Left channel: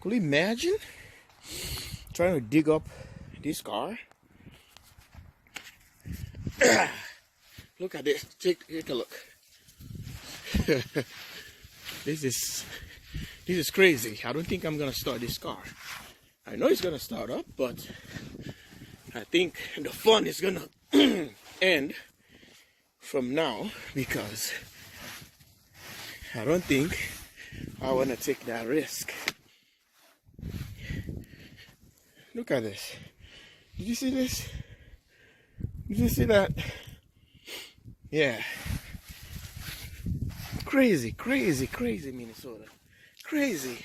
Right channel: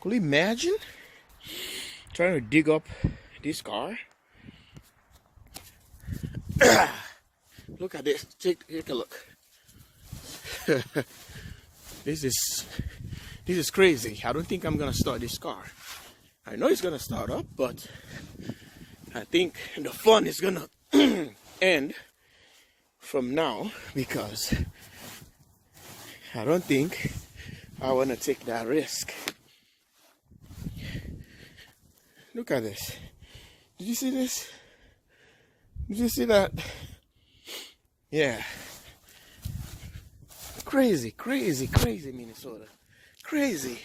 Could you imagine trying to dig up this car? Look at this. Take a look. This is crazy. I don't think I'm gonna start this car. I know it's gonna start up, but I think the fun is gonna end from now because I don't think I wanna take that risk. Look at this. Did you see this? Did you see that? Yeah. Crazy, crazy, crazy Minnesota. Crazy.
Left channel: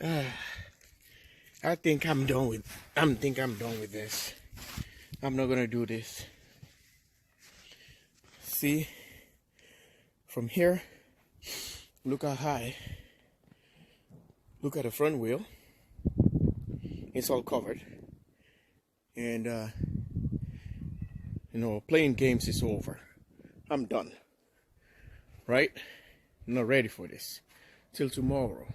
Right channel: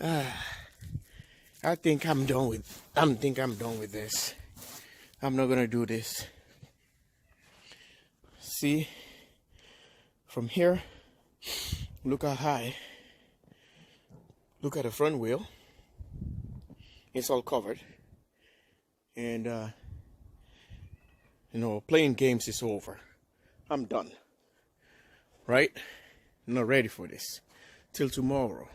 I think I'm done with this. I'm not gonna do this. See, from here, look how high. Look at the front wheel. It's all covered. And playing games is over. I'm done. Right? I'm not ready for this. Till tomorrow.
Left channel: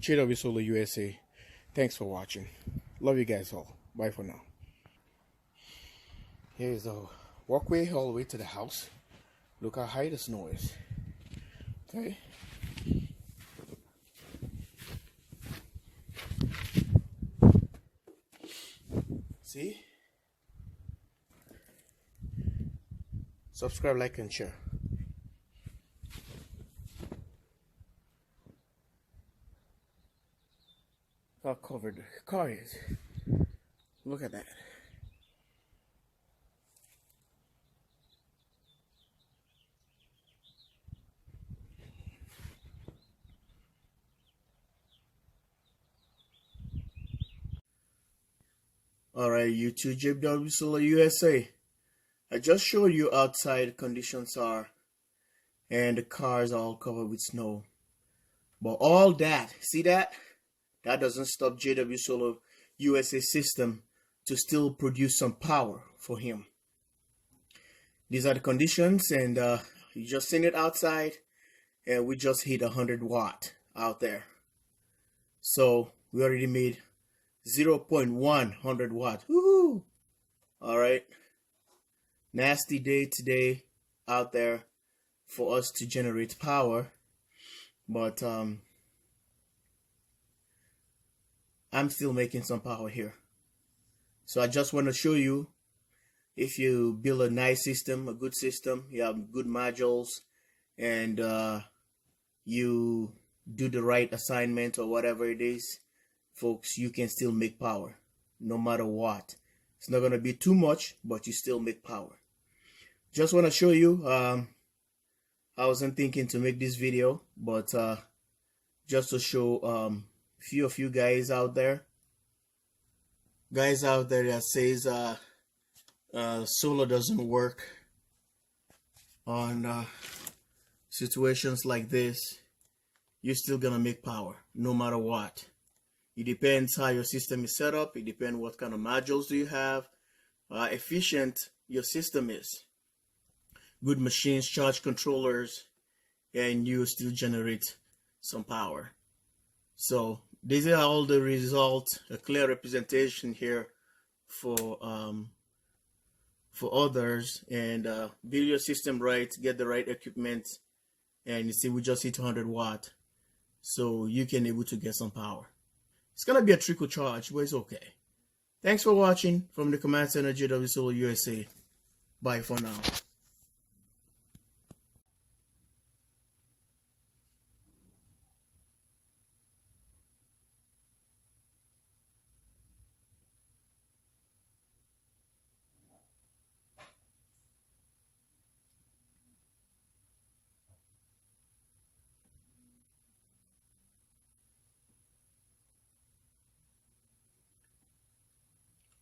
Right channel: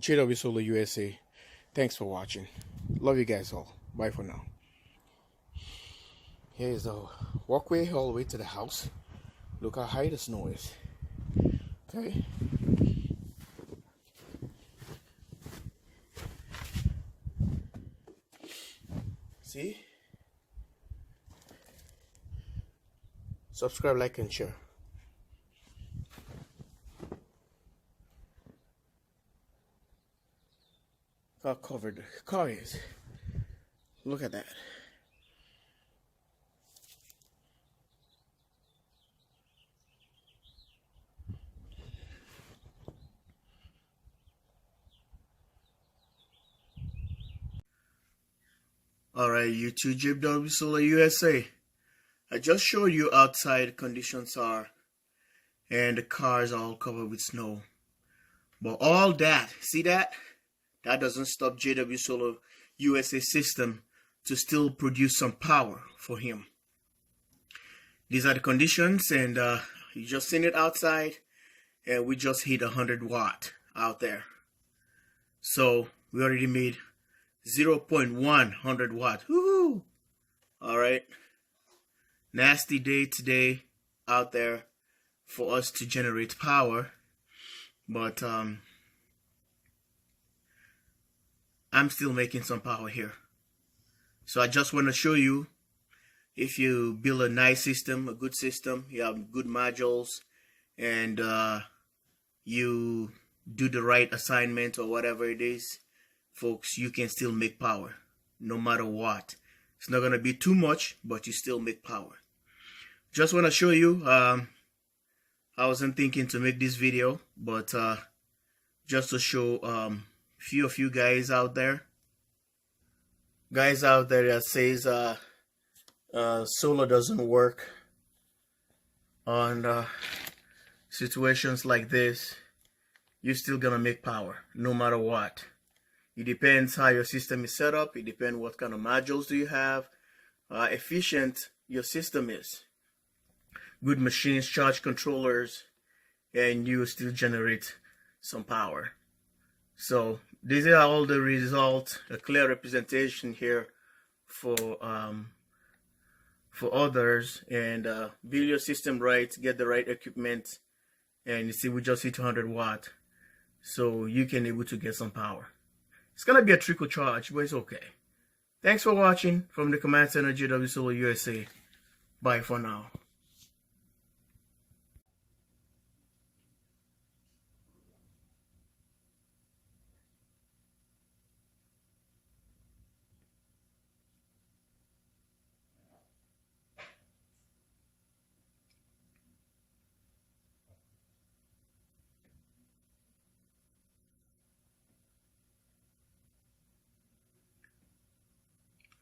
jwsolarusa. Thanks for watching. Love you guys all. Bye for now. Here's a walkway all the way to the house. Look how high the snow is. Okay. See? Subscribe, like, and share. How covered the car is. Look at that. Alright, YouTube jwsolarusa. I just showed you outside conditions are, and the cars are all covered with snow. But all that, see that? That doesn't stop JW Solar USA system to still produce some power for him. These are the conditions, and you just seen it outside, and we just hit 100 watt out there. So we already made 0.1 100 watt. Woohoo! All right. Nasty day today out there for us to generate power, but I'm still making some power here. So I just want to show you, if you build a nice system, a good system, you have good modules, and you do the right assignment or whatever it is, folks, you can still make power no matter what. It's not going to be too much, but you still make power. Just want to show you, I wasn't thinking to make this video, but just to show few of you guys out there that says solar doesn't work on situations like this. You're still gonna make power no matter what. It depends how your system is set up. It depends what kind of modules do you have, efficient your system is, good machines, charge controllers, and you still generate some power. So these are all the results, a clear representation here for others. And build your system right, get the right equipment, and you see we just hit 200 watt, so you can able to get some power. It's gonna be a trickle charge, but it's okay. Thanks for watching from the Command Center, JW Solar USA. Bye for now.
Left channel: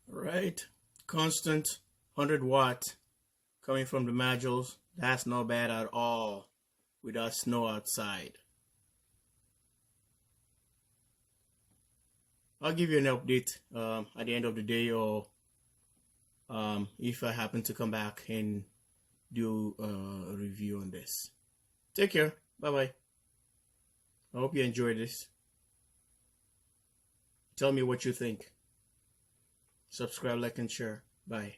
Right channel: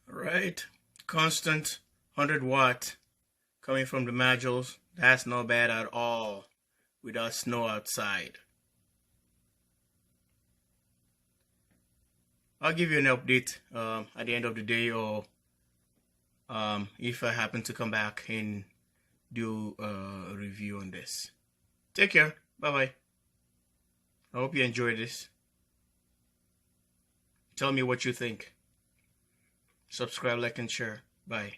Right, constant 100 watt coming from the modules. That's not bad at all without snow outside. I'll give you an update at the end of the day, or if I happen to come back and do a review on this. Take care. Bye bye. I hope you enjoyed this. Tell me what you think. Subscribe, like, and share. Bye.